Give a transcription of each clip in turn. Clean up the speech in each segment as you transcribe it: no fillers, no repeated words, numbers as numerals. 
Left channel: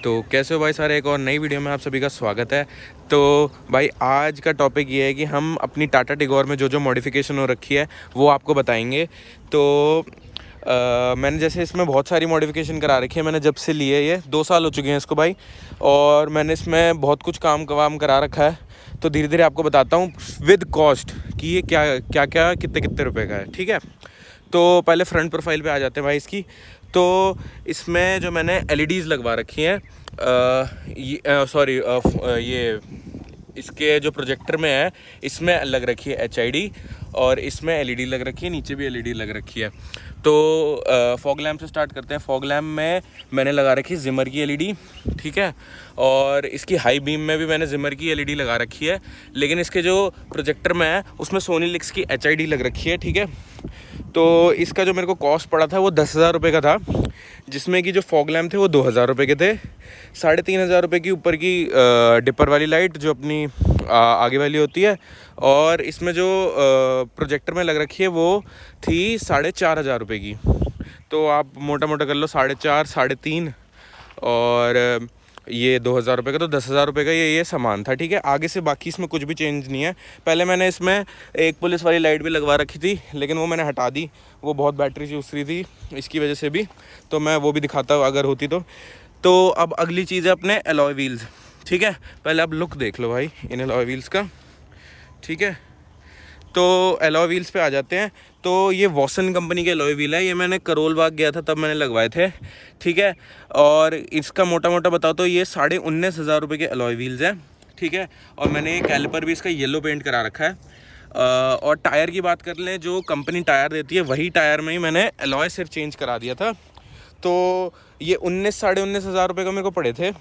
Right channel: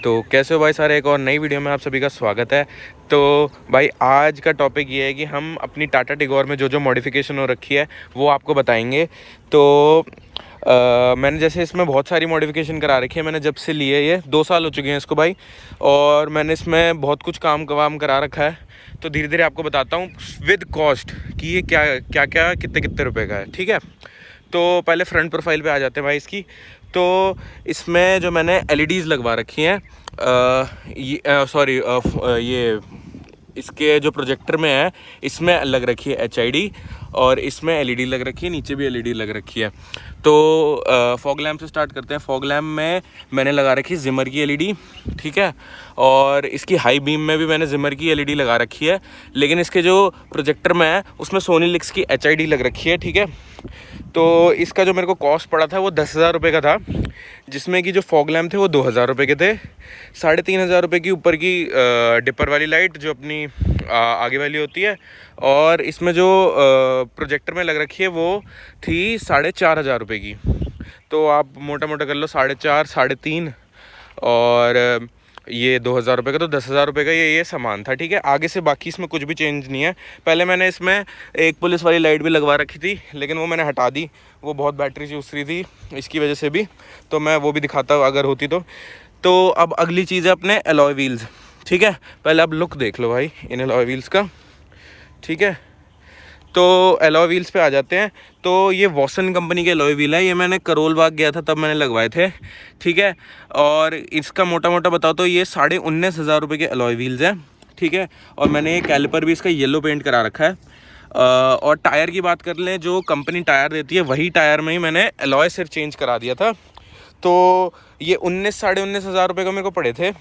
तो कैसे हो भाई सारे, एक और नई वीडियो में आप सभी का स्वागत है। तो भाई आज का टॉपिक ये है कि हम अपनी टाटा टिगोर में जो जो मॉडिफिकेशन हो रखी है वो आपको बताएंगे। तो मैंने जैसे इसमें बहुत सारी मॉडिफिकेशन करा रखी है। मैंने जब से लिए ये 2 साल हो चुके हैं इसको भाई, और मैंने इसमें बहुत कुछ काम करा रखा है। तो धीरे धीरे आपको बताता हूँ विद कॉस्ट कि ये क्या क्या क्या कितने कितने रुपए का है, ठीक है। तो पहले फ्रंट प्रोफाइल पे आ जाते हैं भाई इसकी। तो इसमें जो मैंने एलईडीज़ लगवा रखी हैं, ये इसके जो प्रोजेक्टर में है इसमें लग रखी है एचआईडी, और इसमें एलईडी लग रखी है, नीचे भी एलईडी लग रखी है। तो फॉग लैम्प से स्टार्ट करते हैं। फॉग लैम्प में मैंने लगा रखी है जिमर की एलईडी, ठीक है। और इसकी हाई बीम में भी मैंने जिमर की एलईडी लगा रखी है, लेकिन इसके जो प्रोजेक्टर में है उसमें सोनी लिक्स की एचआईडी लग रखी है, ठीक है। तो इसका जो मेरे को कॉस्ट पड़ा था वो 10,000 रुपये का था, जिसमें कि जो फॉग लैम्प थे वो 2,000 रुपये के थे। 3,500 रुपये की ऊपर की डिपर वाली लाइट जो अपनी आगे वाली होती है, और इसमें जो प्रोजेक्टर में लग रखी है वो थी 4,500 रुपये की। तो आप मोटा मोटा कर लो 4.5 3.5, और ये 2,000 रुपये का, तो 10,000 रुपये का ये सामान था, ठीक है। आगे से बाकी इसमें कुछ भी चेंज नहीं है। पहले मैंने इसमें एक पुलिस वाली लाइट भी लगवा रखी थी, लेकिन वो मैंने हटा दी, वो बहुत बैटरी चूस रही थी इसकी वजह से भी। तो मैं वो भी दिखाता हूँ अगर होती तो अब अगली चीज़ है अपने एलॉय व्हील्स, ठीक है। पहले आप लुक देख लो भाई इन एलॉय व्हील्स का, ठीक है। तो एलॉय व्हील्स पे आ जाते हैं। तो ये वॉसन कंपनी के एलॉय व्हील है, ये मैंने करोल बाग गया था तब मैंने लगवाए थे, ठीक है। और इसका मोटा मोटा बताओ तो ये 19,500 रुपये के एलॉय व्हील्स हैं, ठीक है। और मैंने ये कैलिपर भी इसका येलो पेंट करा रखा है। और टायर की बात कर लें, जो कंपनी टायर देती है वही टायर में ही मैंने एलॉय सिर्फ चेंज करा दिया था। तो ये 19,500 रुपये का मेरे को पड़े थे।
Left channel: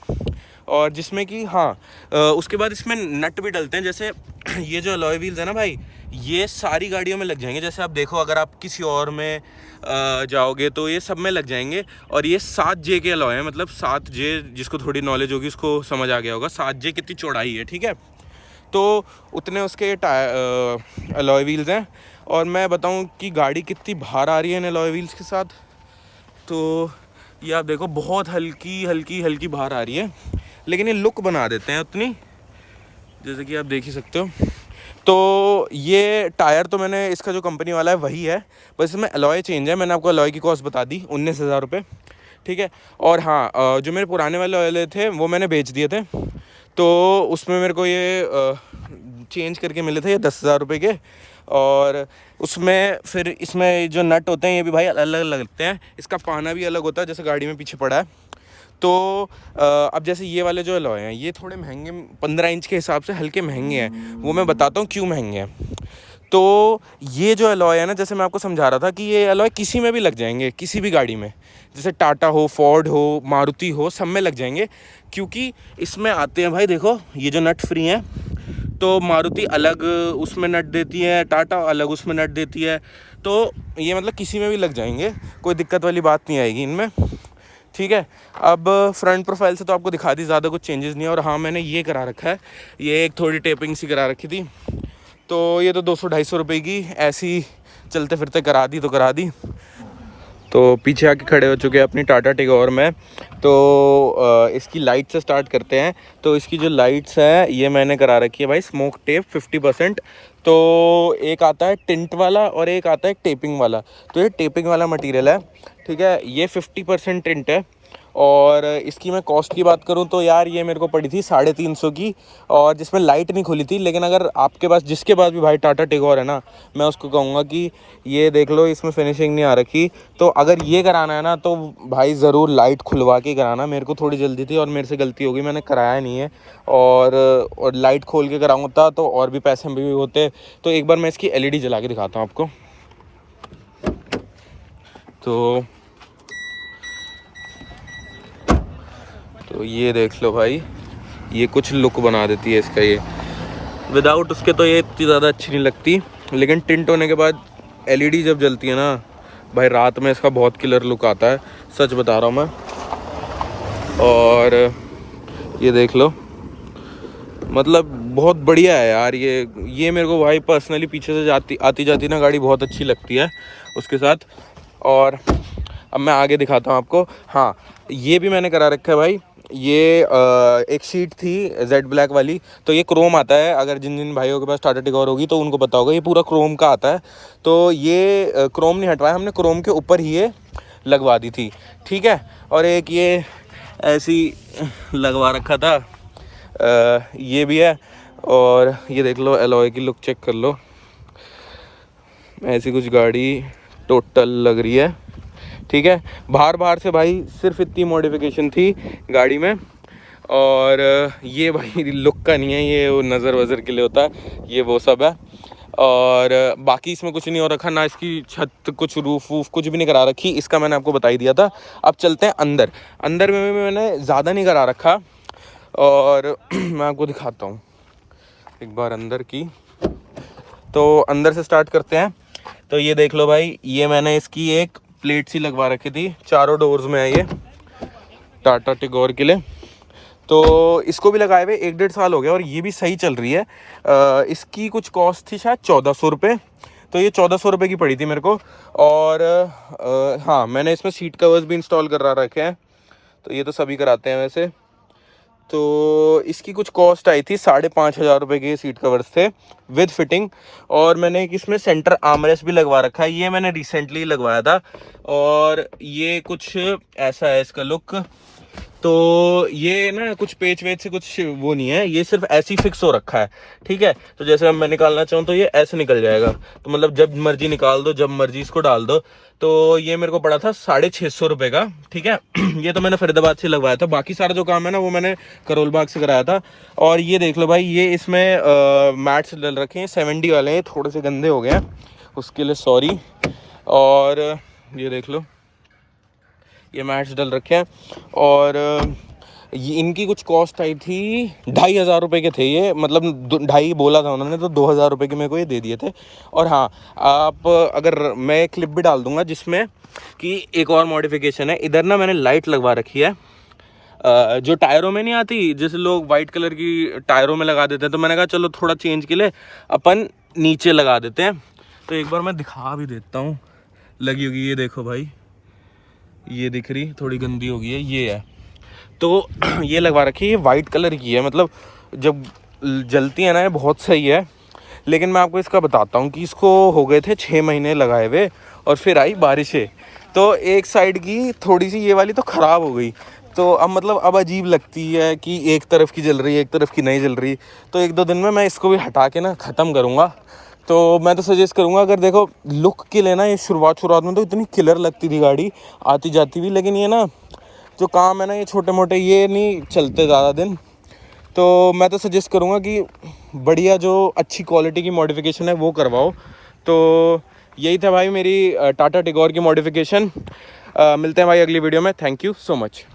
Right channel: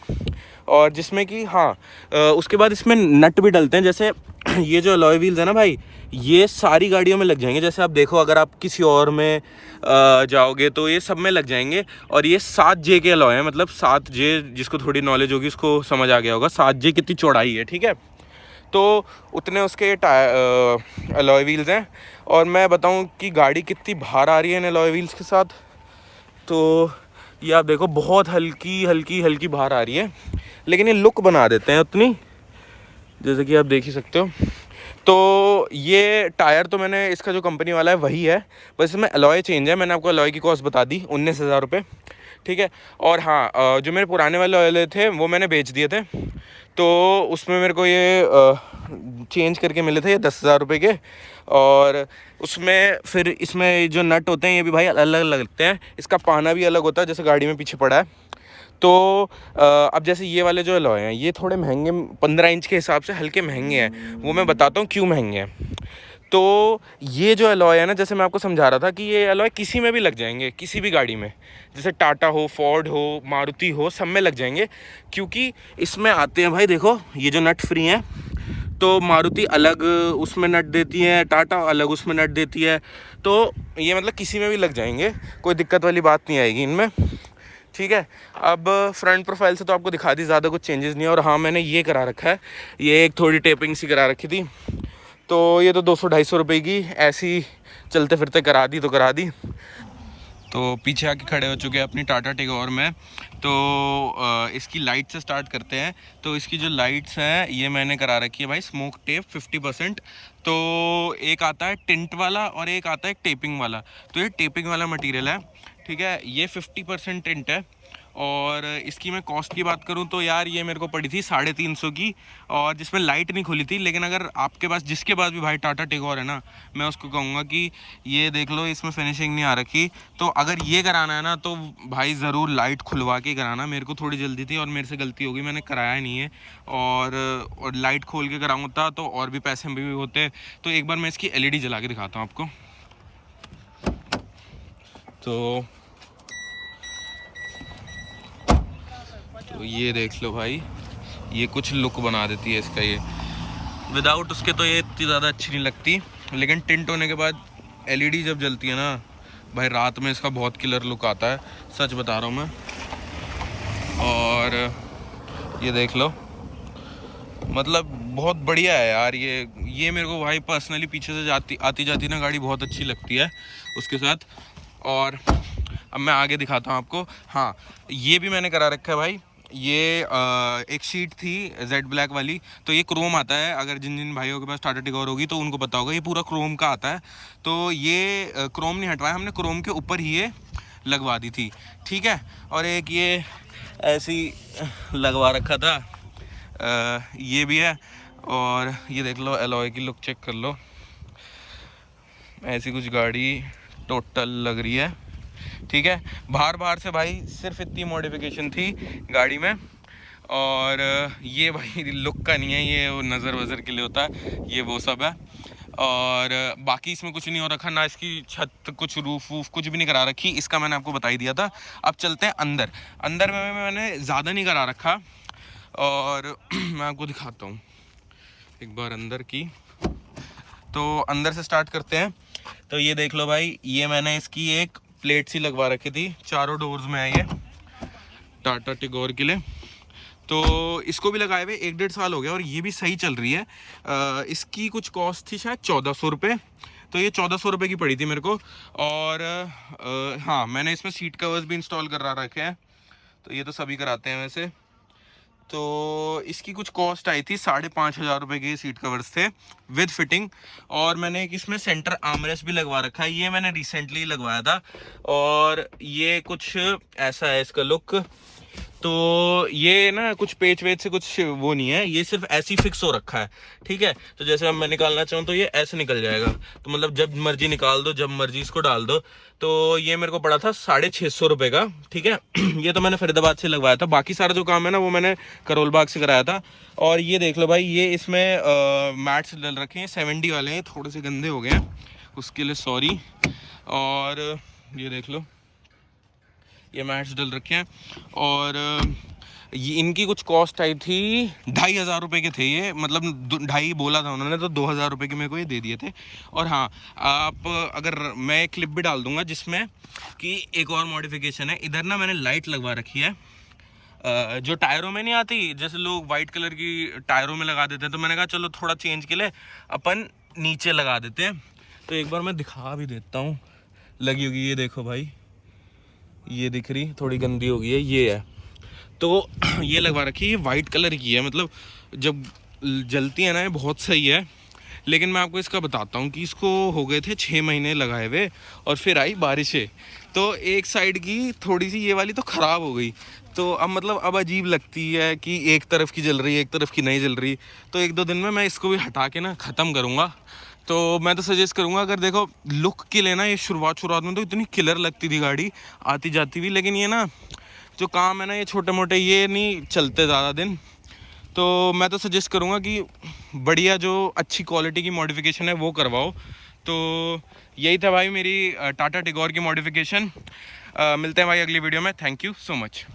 और जिसमें कि हाँ, उसके बाद इसमें नट भी डलते हैं। जैसे ये जो अलॉय व्हील्स है ना भाई, ये सारी गाड़ियों में लग जाएंगे। जैसे आप देखो, अगर आप किसी और में जाओगे तो ये सब में लग जाएंगे। और ये 7J के अलॉय हैं, मतलब 7J, जिसको थोड़ी नॉलेज होगी उसको समझ आ गया होगा 7J कितनी चौड़ाई है, ठीक है। तो उतने उसके अलॉय व्हील्स हैं। और मैं बताऊं कि गाड़ी कितनी बाहर आ रही है इन अलॉय व्हील्स के साथ, तो ये आप देखो बहुत हल्की हल्की हल्की बाहर आ रही है, लेकिन ये लुक बना देते हैं उतनी, जैसे कि आप देख ही सकते हो। तो ये टायर तो मैंने इसका जो कंपनी वाला है वही है, बस इसमें अलॉय चेंज है। मैंने आपको अलॉय की कॉस्ट बता दी 19,000 रुपये, ठीक है। और हाँ, जो मेरे पुराने वाले ऑयल थे वो मैंने बेच दिए थे, तो उसमें मेरे को ये चेंज करके मिले थे ये 10,000 रुपये के। और उसमें फिर इसमें जो नट होते हैं ये भी भाई अलग अलग लगते हैं। इसका पाना भी अलग होता है, जैसे गाड़ी में पीछे पड़ा है। तो अब जैसे ये वाले जो अलॉय हैं ये थोड़े महंगे, 15 इंच के हिसाब से हल्के महंगे हैं। वो मैं बताता हूँ क्यों महंगे हैं। तो ये जो अलॉय है ना, जैसे मैं आपको समझा रहा था कि ये अलॉय किसी में भी लग जाएंगे, किसी भी गाड़ी में, जैसे टाटा हो, फोर्ड हो, मारुति हो, सब में लग जाएंगे। क्योंकि इसमें आते हैं भाई, देखो ये जो नट फ्री हैं, तो मारुति अलग उसमें नट देती है, टाटा अलग उसमें नट देती है। तो ये मतलब किसी में भी लग जाएंगे, कोई दिक्कत वाली बात नहीं आएगी इनमें, ठीक है। अब फ्रंट प्रोफाइल से तो आपको दिखा दी, ज़्यादा कुछ चेंजेस नहीं है। और हाँ, मैंने ये करा रखा है, ये एक थोड़ी टेपिंग सी करा रखी थी, तो ये तो 200-250 रुपये की ऐसी चलते फिरते करा दी तो करा दी। तो पीछे आके खड़े हो चुके हैं अपनी टाटा टिगोर में। तो इसकी लाइट से स्टार्ट करते हैं। तो इसकी जो लाइट्स हैं ये मैंने करा रखी है भाई स्मोक टेप 50%। तो एक आता है टिंट वाला और एक आता है टेपिंग वाला। तो ये टेपिंग वाला मटेरियल है, ठीक है। ये 50% टिंट है। और इसकी मैं कॉस्ट की बात करूं तो यार ये मेरे को पड़ी थी 350 की, और जिसमें लाइट नहीं खुली थी। लेकिन अगर आपके पास, जिसके पास भी भाई टाटा टिगोर है ना, मैं उसको कहूँगा कि ये देख लो, इसमें फिनिशिंग नहीं आ रखी। तो अगर ये कराना है ना तो भाई ज़रूर लाइट खुलवा के कराना। मेरे को थोड़ी जल्दी थी और मेरे से गलती हो गई, मैंने कराया नहीं है। और लाइट खोल के कराऊँगा तो और भी पैसे भी होते। तो एक बार मैं इसकी एलईडी जला के दिखाता हूँ आपको। तो ये देख लो भाई, ये कुछ लुक बना देती है इसका। ये विदाउट उसके तो ये इतनी ज़्यादा अच्छी नहीं लगती, लेकिन टिंट होने के बाद एलईडी जब जलती है ना भाई, रात में इसका बहुत किलर लुक आता है, सच बता रहा हूँ मैं। और ये देख लो, मतलब बहुत बढ़िया है यार ये मेरे को भाई पर्सनली पीछे से आती जाती ना गाड़ी बहुत अच्छी लगती है उसके साथ। और अब मैं आगे दिखाता हूँ आपको। हाँ, ये भी मैंने करा रखा है भाई, ये एक शीट थी जेड ब्लैक वाली, तो ये क्रोम आता है, अगर जिन जिन भाइयों के पास टाटा टिगोर होगी तो उनको पता होगा, ये पूरा क्रोम का आता है। तो ये क्रोम नहीं हटवाया हमने, क्रोम के ऊपर ही ये लगवा दी थी, ठीक है। और एक ये ऐसी लगवा रखा था, ये भी है। और ये देख लो एलॉय की लुक चेक कर लो, ऐसी कुछ गाड़ी टोटल लग रही है, ठीक है। बाहर से भाई सिर्फ इतनी मॉडिफिकेशन थी गाड़ी में। और ये भाई लुक का नहीं है, ये वो नज़र वज़र के लिए होता है, ये वो सब है। और बाकी इसमें कुछ नहीं हो रखा, ना इसकी छत कुछ रूफ वूफ कुछ भी नहीं करा रखी, इसका मैंने आपको बता ही दिया था। अब चलते हैं अंदर। अंदर में मैंने ज़्यादा नहीं करा रखा, और मैं आपको दिखाता हूँ एक बार अंदर की। तो अंदर से स्टार्ट करते हैं। तो ये देख लो भाई, ये मैंने इसकी एक प्लेट सी लगवा रखी थी, चारों डोर्स में है ये टाटा टिगोर के लिए। तो इसको भी लगाए हुए 1-1.5 साल हो गया और ये भी सही चल रही है। इसकी कुछ कॉस्ट थी शायद 1400 रुपये, तो ये 1400 रुपये की पड़ी थी मेरे को। और हाँ, मैंने इसमें सीट कवर्स भी इंस्टॉल करा रखे हैं, तो ये तो सभी कराते हैं वैसे। तो इसकी कुछ कॉस्ट आई थी 5,500 रुपये के सीट कवर्स थे विद फिटिंग। और मैंने एक इसमें सेंटर आर्मरेस्ट भी लगवा रखा है, ये मैंने रिसेंटली लगवाया था। और ये कुछ ऐसा है इसका लुक। तो ये ना कुछ पेच वेच से कुछ वो नहीं है, ये सिर्फ ऐसे ही फिक्स हो रखा है, ठीक है। तो जैसे अब मैं निकालना चाहूँ तो ये ऐसे निकल जाएगा, तो मतलब जब मर्जी निकाल दो, जब मर्जी इसको डाल दो। तो ये मेरे को पड़ा था 650 रुपये का, ठीक है। ये तो मैंने फरीदाबाद से लगवाया था, बाकी सारा जो काम है ना वो मैंने करोल बाग से कराया था। और ये देख लो भाई, ये इसमें मैट्स डल रखे हैं, 70 वाले हैं, थोड़े से गंदे हो गए हैं, उसके लिए सॉरी। और ये देख लो, ये मैट्स डल रखे हैं। और ये इनकी कुछ कॉस्ट आई थी 2,500 रुपये के थे ये, मतलब 2.5 बोला था उन्होंने, तो 2,000 रुपये के मेरे को ये दे दिए थे। और हाँ, आप अगर मैं क्लिप भी डाल दूंगा जिसमें कि एक और मॉडिफिकेशन है, इधर ना मैंने लाइट लगवा रखी है जो टायरों में नहीं आती, जैसे लोग वाइट कलर की टायरों में लगा देते हैं, तो मैंने कहा चलो थोड़ा चेंज के लिए अपन नीचे लगा देते हैं। तो एक बार मैं दिखा भी देता हूँ, लगी होगी, ये देखो भाई, ये दिख रही, थोड़ी गंदी हो गई है, ये है। तो ये लगवा रखी है, ये वाइट कलर की है, मतलब जब जलती है ना ये बहुत सही है। लेकिन मैं आपको इसका बताता हूँ कि इसको हो गए थे 6 महीने लगाए हुए, और फिर आई बारिशें, तो एक साइड की थोड़ी सी ये वाली तो ख़राब हो गई। तो अब मतलब अब अजीब लगती है कि एक तरफ की जल रही है, एक तरफ की नहीं जल रही। तो 1-2 दिन में मैं इसको भी हटा के ना ख़त्म करूँगा। तो मैं तो सजेस्ट करूँगा, अगर देखो लुक के लेना, ये शुरुआत में तो इतनी किलर लगती थी गाड़ी आती जाती भी, लेकिन ये ना जो काम है ना, ये छोटे मोटे ये नहीं चलते ज़्यादा दिन। तो मैं तो सजेस्ट करूँगा कि बढ़िया जो अच्छी क्वालिटी की मॉडिफिकेशन है वो करवाओ। तो यही था भाई मेरी टाटा टिगोर की मॉडिफिकेशन। मिलते हैं भाई अगली वीडियो में। Thank you so much.